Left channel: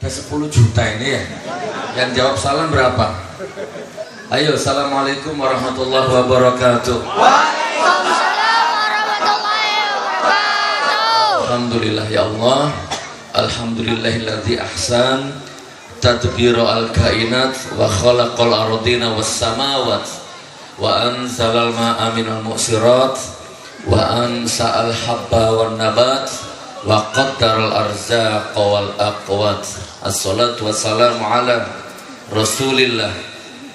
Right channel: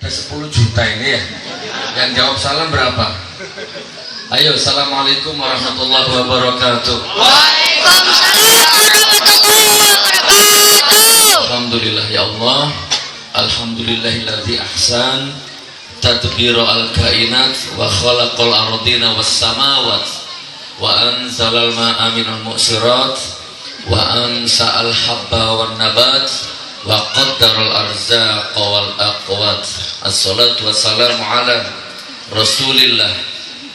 Ada 10 juta ini ya. Yang jawab salam berapa? Ayo, assalamualaikum warahmatullahi wabarakatuh. Alhamdulillah ya Allah. Alhamdulillahilladzi ahsan tadbira al-kainat wa khalaqal ardina was samawat wa anzalal ma'a minal mu'sirat wa ansa'al habba wan nabat wa qaddaral arzaqa wal aqwat. Assalatu wassalamu ala Rasulillah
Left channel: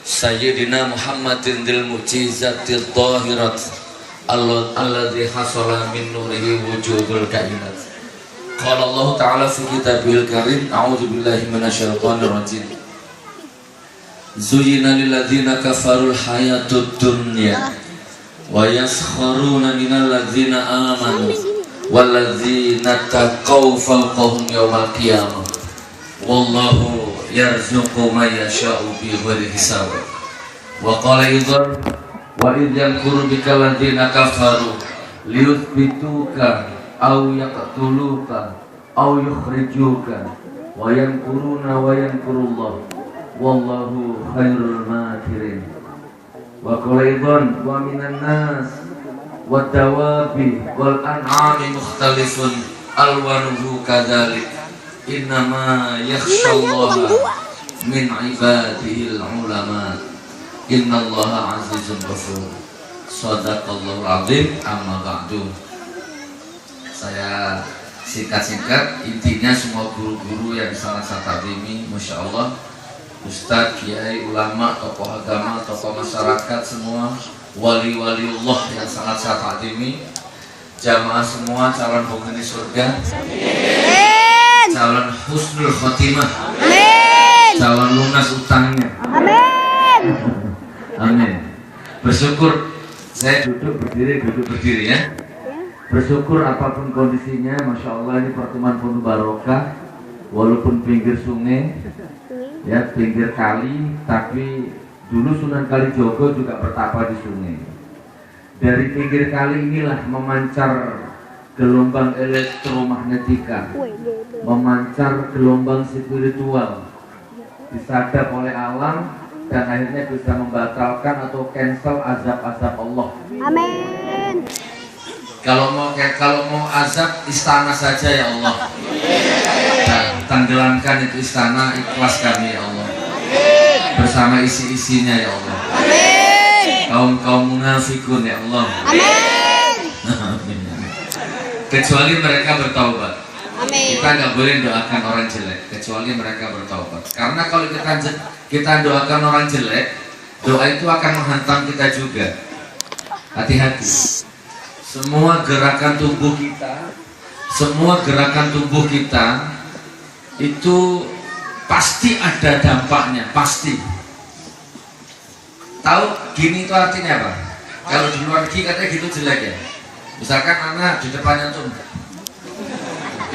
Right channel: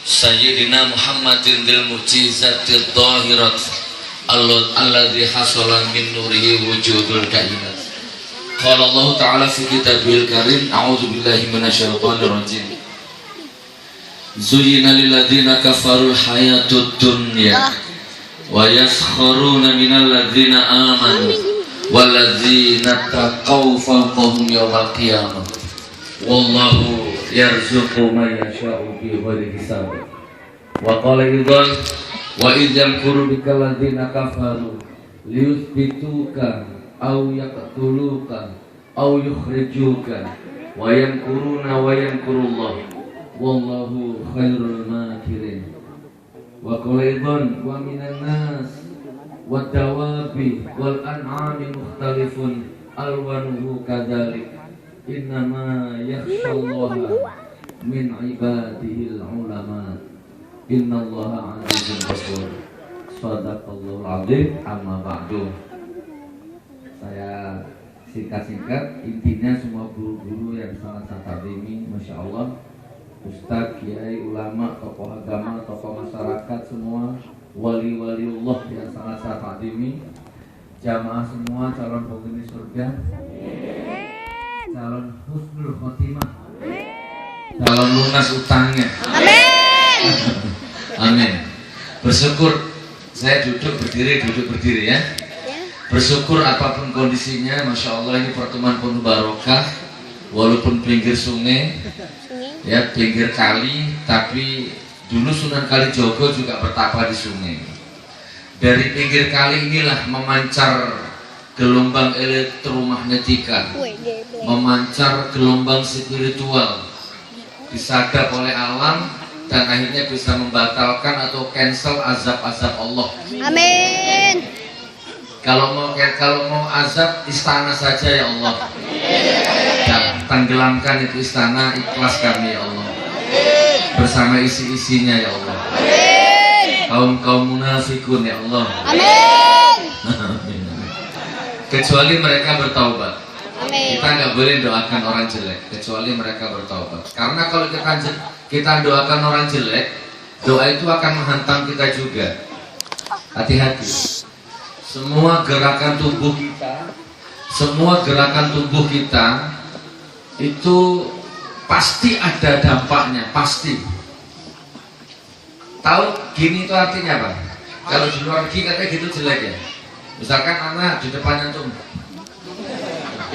Sayyidina Muhammadin dil mu'jizatil dhahirat alladzi hasala min nurihi wujudul kainat. Qala Allah Ta'ala fi kitabil karim, a'udzu billahi minasyaitonir rajim. Zuyyina lil ladzina kafarul hayatud dunya wa yaskharuna minal ladzina amanu wal ladzina taqaw fawqahum yawmal qiyamah. Wallahu yarzuqu man yasha'u bighairi hisab. Wa qala idzan wa idh yamkuru bikal ladzina kafaru liyuthbituka aw yaqtuluka aw yukhrijuka wa yamkuruna wa yamkurullah wallahu khairul makirin. Wa qala idzan wa minan nas wad dawabi wal an'ami mukhtalifun alwanuhu kadzalik innama yakhshallaha min ibadihil ulama innallaha azizun ghafur. Shadaqallahul azim. Amma ba'du. Saya singkat-singkat, intinya semua guru-guru yang sangat saya takdimi, Masya Allah, Ustadz, Kiai, ulama, tokoh agama, tokoh masyarakat, semua wali-waliullah yang sangat saya takdimi, jamaah semua calon penghuni surga, calon husnul khotimah, calon lunas utangnya, amin. Bersyukur, saya duduk berdiri ya. Bersyukur apapun kondisinya, Masya Allah, ini pertemuan penuh barokah. Walaupun pinggir sungai, ya pinggir kali, tapi dulu Sunan Kalijogo juga bertapa di sungai. Dari pinggir kali inilah memancar gelombang elektromagnetika, memancar gelombang spiritual, disadap oleh alam dan akhirnya bisa membatalkan atau cancel azab-azab Allah. Amin. Kalau mau azab istana saja ya Allah. Ya, tenggelamkan itu istana, ikhlas kami ya Allah. Bersama isi-isinya ya Allah. Amin. Kaum munafikun ya Allah. Amin. Kecuali mereka bertaubat. Amin. Kita nggak boleh doakan orang jelek kecuali mereka bertaubat. Karena kalau kita doakan orang jelek, doa itu akan menghantam kita juga. Hati-hati. Semua gerakan tubuh kita itu pasti ada dampaknya, pasti. Tahu gini itu artinya apa? Kalau di luar negeri katanya gitu jelek ya. Misalkan anak di depannya tuh,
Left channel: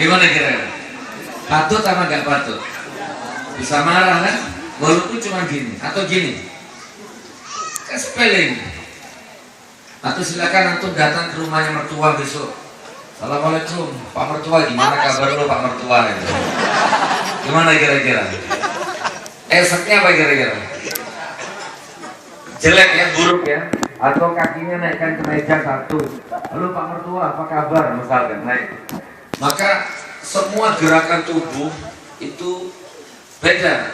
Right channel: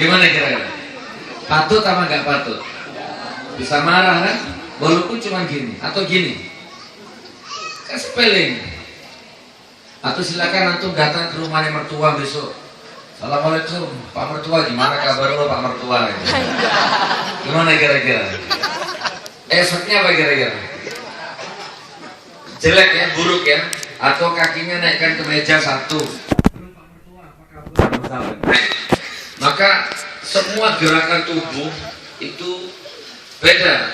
gimana kira-kira? Patut sama nggak patut? Bisa marah kan? Walaupun cuma gini atau gini, sepele. Atau silakan antum datang ke rumahnya mertua besok. Assalamualaikum Pak Mertua, gimana kabar lo Pak Mertua? Gimana kira-kira? Efeknya apa kira-kira? Jelek ya, buruk ya? Atau kakinya naikkan ke meja satu. Halo Pak Mertua, apa kabar? Maka semua gerakan tubuh itu beda.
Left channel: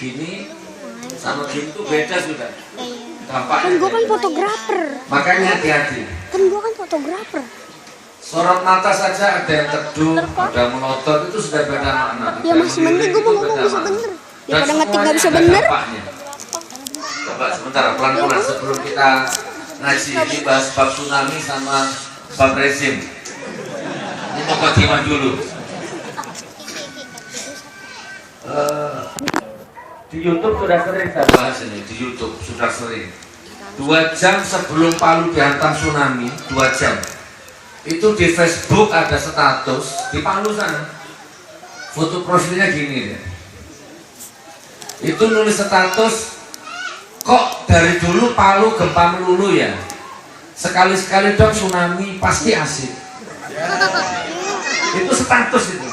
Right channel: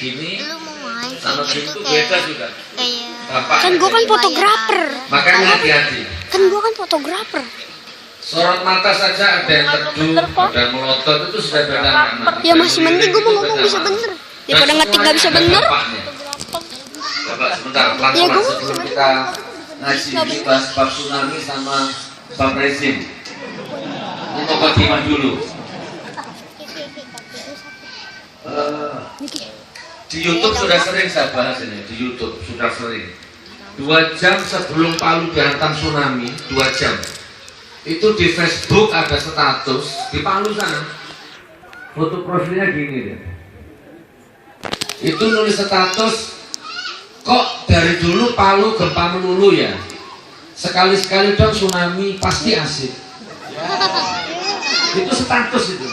Gini sama gitu beda sudah. Dampaknya. Makanya hati-hati. Kan gua kan fotografer. Sorot mata saja ada yang teduh, ada yang melotot, itu sudah beda makna. Ya masih bener, gua mau beda bisa makna. bener. Dan semuanya ada dampaknya. Coba sebentar, pelan-pelan sebelum kita ngaji ini bahas bab tsunami sama bab rezim. Ini mau khotimah dulu. Di YouTube sudah sering saya bahas ini, di YouTube sudah sering. 2 jam sebelum Palu dihantam tsunami, 2 jam. Itu di Facebook ada status di Palu sana. Foto profilnya gini ya. Itu nulis status, kok dari dulu Palu gempa melulu ya. Sekali-sekali dong tsunami pasti asik. Itu status itu.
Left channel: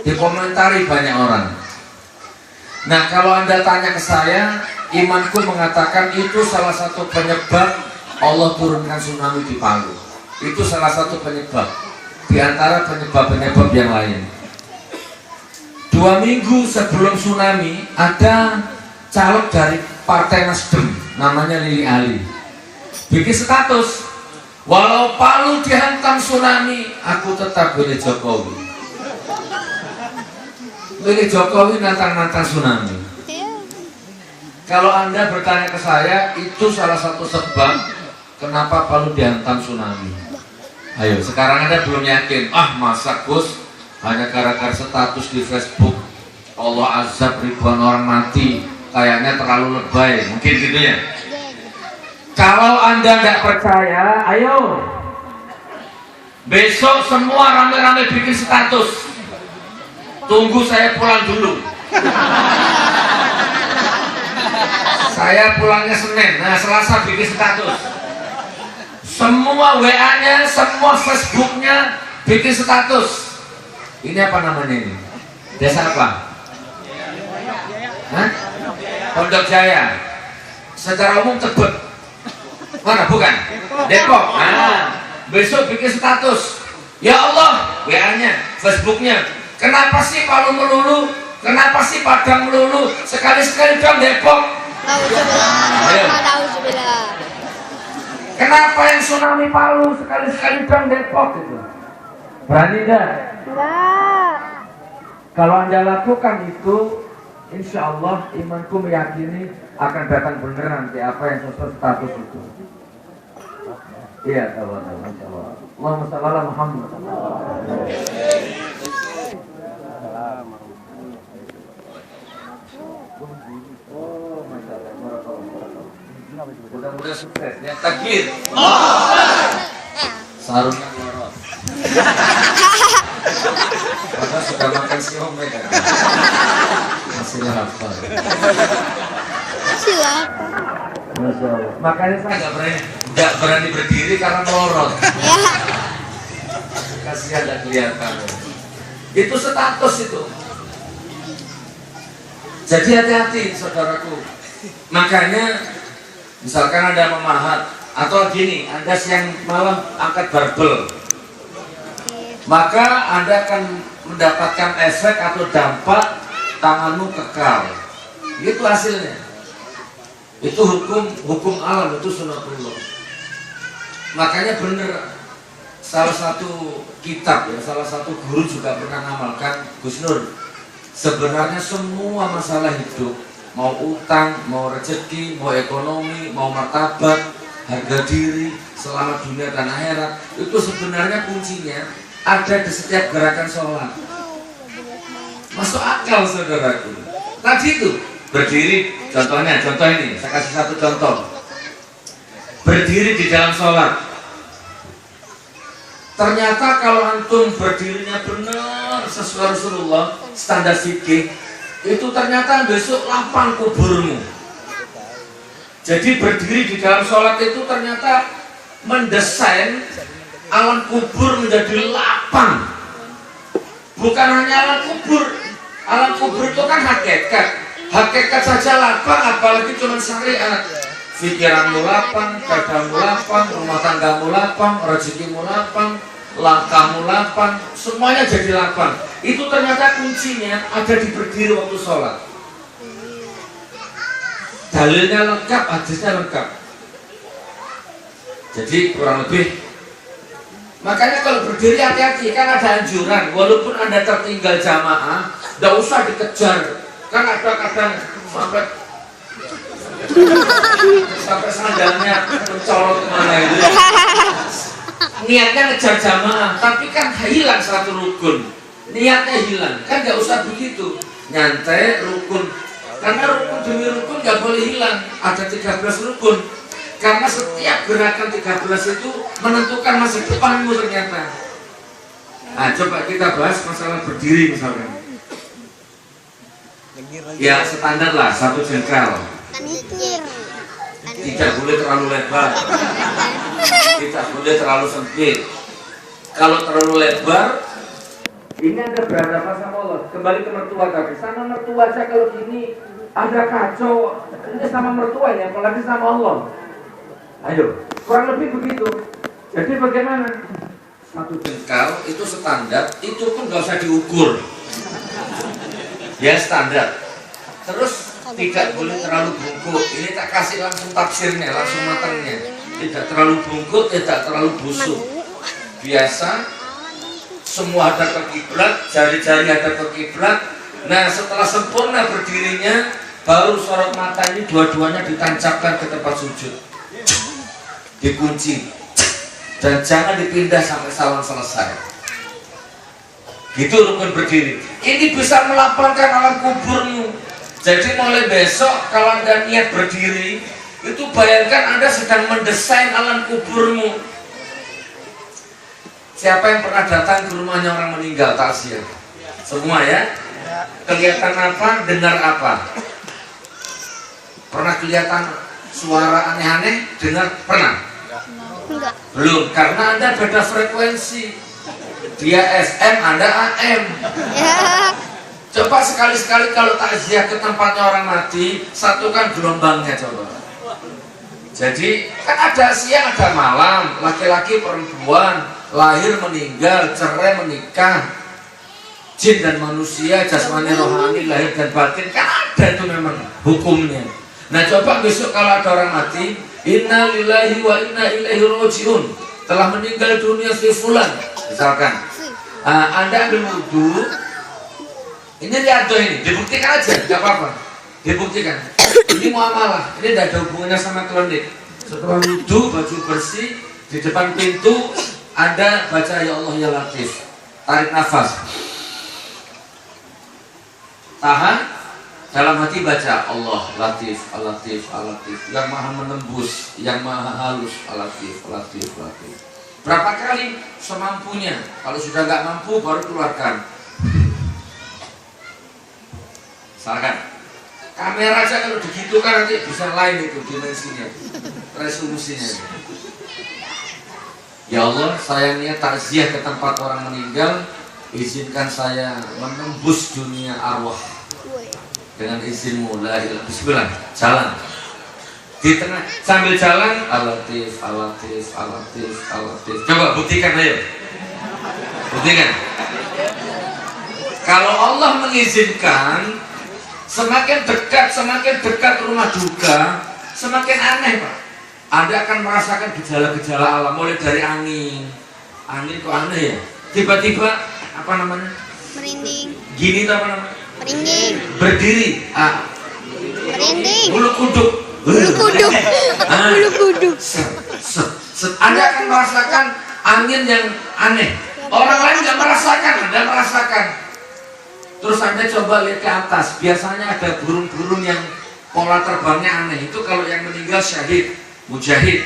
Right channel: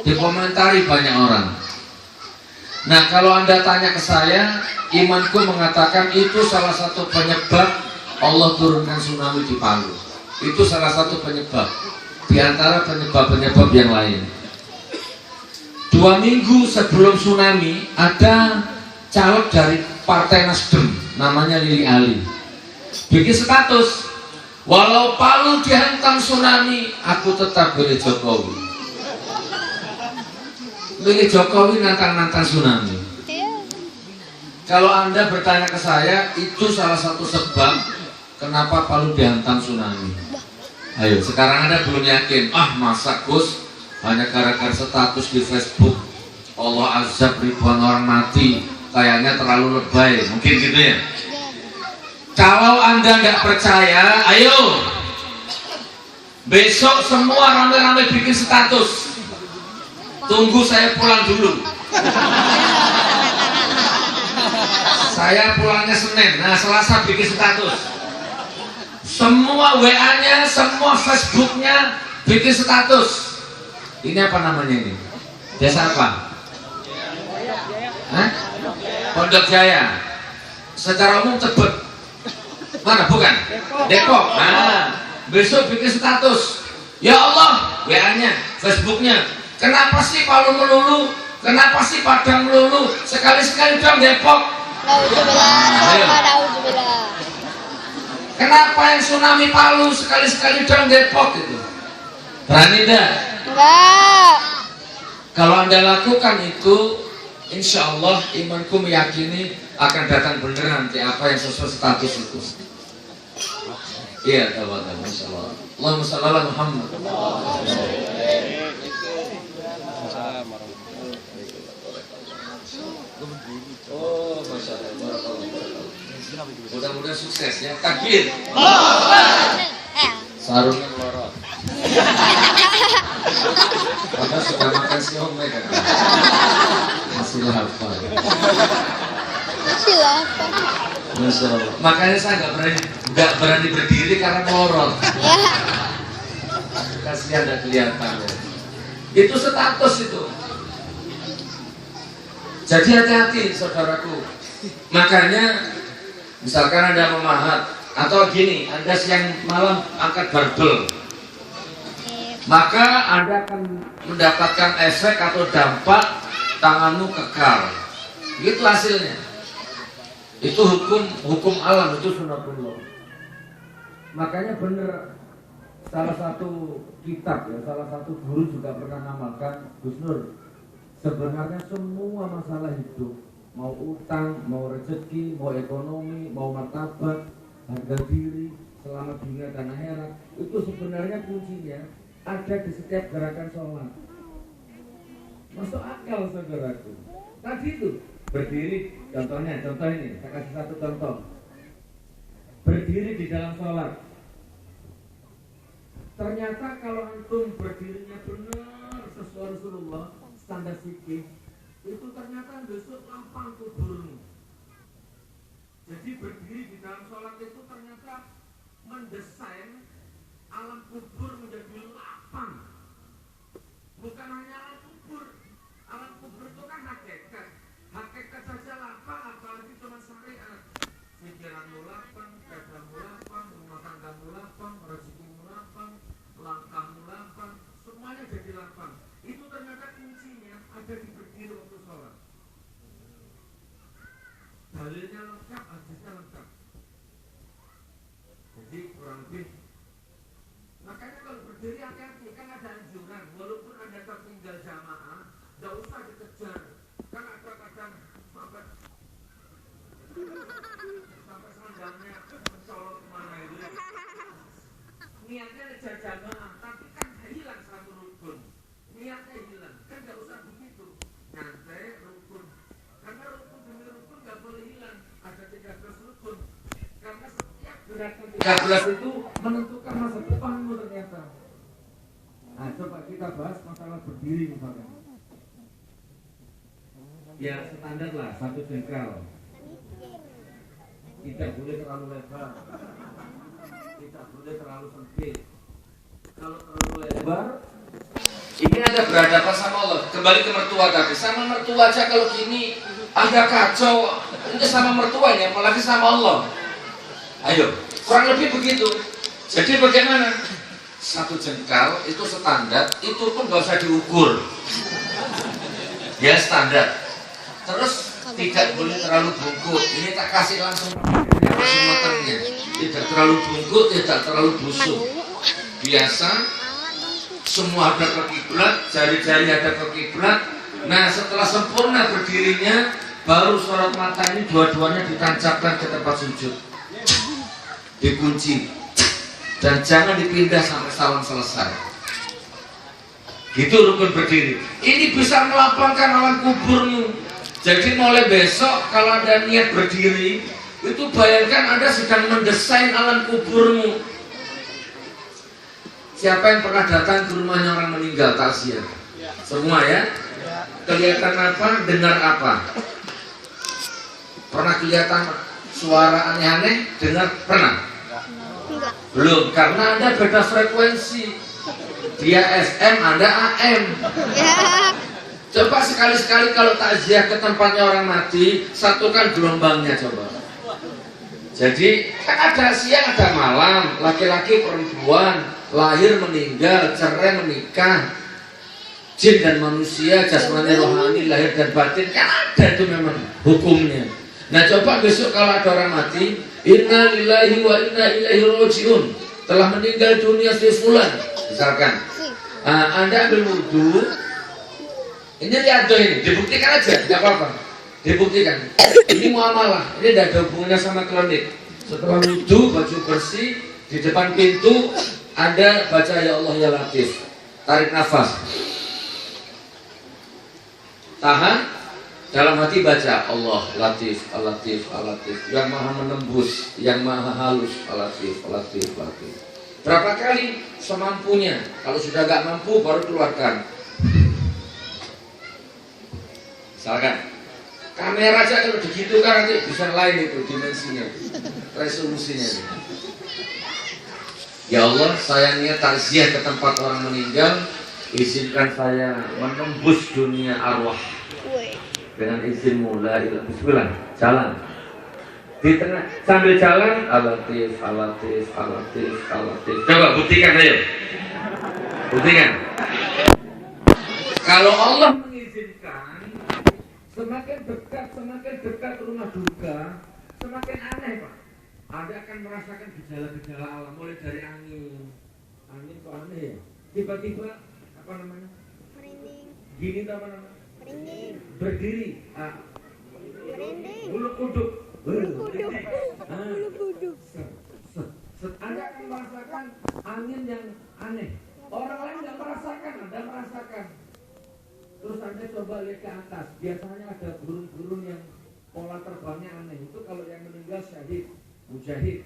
dikomentari banyak orang. Nah, kalau Anda tanya ke saya, imanku mengatakan itu salah satu penyebab Allah turunkan tsunami di Palu. Itu salah satu penyebab di antara penyebab-penyebab yang lain. 2 minggu sebelum tsunami ada caleg dari Partai Nasdem namanya Lili Ali bikin status, walau Palu dihantam tsunami, aku tetap pilih Jokowi. Pilih Jokowi nantang-nantang tsunami. Kalau Anda bertanya ke saya, itu salah satu sebab kenapa Palu dihantam tsunami. Ayo, sekarang Anda belum yakin, masa Gus hanya gara-gara status di Facebook Allah azab ribuan orang mati, kayaknya terlalu lebay, mungkin gitu ya. Kalau Anda tidak percaya, ayo besok semua rame-rame bikin status. Tunggu saya pulang dulu. Saya pulangnya Senin, nah Selasa bikin status. Semua WA-nya, semua Facebook-nya bikin status. Ini apa namanya ini? Desa apa? Hah? Pondok Jaya. Secara umum Tebet. Mana bukan? Depok. Nah, besok bikin status. Ya Allah, WA-nya, Facebook-nya. Kenapa sih Palu melulu? Kenapa sih Padang melulu? Sekali-sekali dong Depok. Nauzubillah. Kenapa yang tsunami Palu sekali-sekali dong Depok gitu? Berani enggak? Enggak. Kalau Anda lakukan itu, insya Allah imanku meyakini akan datang benar nanti apa yang sesuai status itu. Iya, Masya Allah. Allahumma shalli ala Muhammad. Mudah-mudahan sukses ya. Takbir. Sarungnya borot. Padahal sudah makan siomay kan. Masih lapar. Masih lapar. Masya Allah. Makanya saya nggak berani berdiri karena borot. Ya. Kasihan dan kelihatan. Itu status itu. Jadi hati-hati saudaraku. Makanya misalkan ada memahat atau gini, Anda siang malam angkat barbel, maka Anda akan mendapatkan efek atau dampak tanganmu kekal. Itu hasilnya. Itu hukum alam, itu sunatullah. Makanya benar, salah satu kitab ya, salah satu guru juga pernah mengamalkan, Gus Nur, sebenarnya semua masalah hidup, mau utang, mau rezeki, mau ekonomi, mau martabat, harga diri, selamat dunia dan akhirat, itu sebenarnya kuncinya ada di setiap gerakan sholat. Masuk akal saudaraku. Tadi itu berdiri, contoh ini, saya kasih satu contoh. Berdiri di dalam sholat. Ternyata kalau antum berdirinya benar sesuai Rasulullah, standar fikih, itu ternyata besok lapang kuburmu. Jadi berdiri di dalam sholat itu ternyata mendesain alam kubur menjadi lapang. Bukan hanya alam kubur itu kan hakikat saja lapang, apalagi cuma syariat. Pikiranmu lapang, dadamu lapang, rumah tanggamu lapang, rezekimu lapang, langkahmu lapang, semuanya jadi lapang. Itu ternyata kuncinya ada di berdiri waktu sholat. Dalilnya lengkap, hadisnya lengkap. Jadi kurang lebih. Makanya kalau berdiri hati-hati, kan ada anjuran. Walaupun Anda tertinggal jamaah, tidak usah dikejar. Kan ada kadang sampai sandalnya mencolok kemana itu. Niatnya ngejar jamaah, tapi kan hilang satu rukun. Niatnya hilang, kan nggak usah begitu. Nyantai rukun, karena rukun demi rukun nggak boleh hilang. Ada 13 rukun, karena setiap gerakan 13 itu menentukan masa depanmu ternyata. Nah, coba kita bahas masalah berdiri misalkan. Ya standar lah, 1 jengkal. Tidak boleh terlalu lebar, tidak boleh terlalu sempit. Kalau terlalu lebar, ini ada berhadapan sama Allah. kembali ke mertua tapi sama mertua aja kalau gini ada kacau. Ini sama mertua ini, apalagi sama Allah. Ayo, kurang lebih begitu. Jadi bagaimana? Satu jengkal itu standar, itu pun gak usah diukur. Ya standar. Terus tidak boleh terlalu bungkuk. Ini tak kasih langsung tafsirnya, langsung matangnya. Tidak terlalu bungkuk, tidak terlalu busuk. Biasa, semua ada ke kiblat, jari-jari ada ke kiblat. Nah, setelah sempurna berdirinya, baru sorot mata ini dua-duanya ditancapkan ke tempat sujud, dikunci, dan jangan dipindah sampai salon selesai. Gitu rukun berdiri. Ini bisa melapangkan alam kuburmu. Jadi mulai besok kalau Anda niat berdiri, itu bayangkan Anda sedang mendesain alam kuburmu. Siapa yang pernah datang ke rumahnya orang meninggal takziah? Semua ya? Kelihatan apa? Dengar apa? Pernah kelihatan suara aneh-aneh? Dengar? Pernah? Enggak. Belum, karena Anda beda frekuensi. Dia SM, Anda AM. Ya. Coba sekali-sekali kalau takziah ke tempatnya orang mati, satukan gelombangnya coba. Jadi kan ada siang, ada malam, laki-laki perempuan, lahir meninggal, cerai menikah, jin dan manusia, jasmani rohani, lahir dan batin, kan ada itu memang hukumnya. Nah coba besok kalau ada orang mati, inna lillahi wa inna ilaihi rojiun, telah meninggal dunia si fulan, misalkan, Anda ambil wudhu, ini lihat tuh ini, dibuktikan aja, tidak apa-apa, dibuktikan. Ini muamalah, ini tidak ada hubungannya sama klinik. Setelah wudhu, baju bersih, di depan pintu, Anda baca ya Allah ya Latif, tarik nafas, tahan, dalam hati baca Allah Latif, Al-Latif, Al-Latif, yang maha menembus, yang maha halus, Al-Latif, Al-Latif, Al-Latif. Berapa kali? Semampunya. Kalau sudah nggak mampu, baru keluarkan. Misalkan kamera aja kalau begitu kan nanti bisa lain itu dimensinya, resolusinya. Ya Allah, sayangnya takziah ke tempat orang meninggal, izinkan saya menembus dunia arwah dengan izinmu, la ilaha bismillah, jalan di tengah sambil jalan, Al-Latif, Al-Latif, Al-Latif, Al-Latif. Coba buktikan, ayo buktikan. Kalau Allah mengizinkan, semakin dekat rumah duka, semakin aneh Pak. Anda akan merasakan gejala-gejala alam, mulai dari angin kok aneh ya, tiba-tiba apa namanya, Merinding. gini tuh apa namanya, Merinding. berdiri, Merinding. bulu kuduk, Bulu kuduk. Bulu kuduk. Anda akan merasakan angin yang aneh. Orang lain nggak merasakan, Anda merasakan. Terus Anda coba lihat ke atas, biasanya ada burung-burung yang pola terbangnya aneh. Itu kalau yang meninggal syahid, mujahid.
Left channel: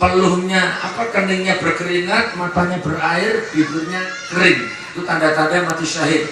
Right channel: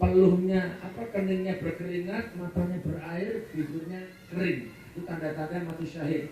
Peluhnya keningnya berkeringat, matanya berair, bibirnya kering. Itu tanda-tanda mati syahid.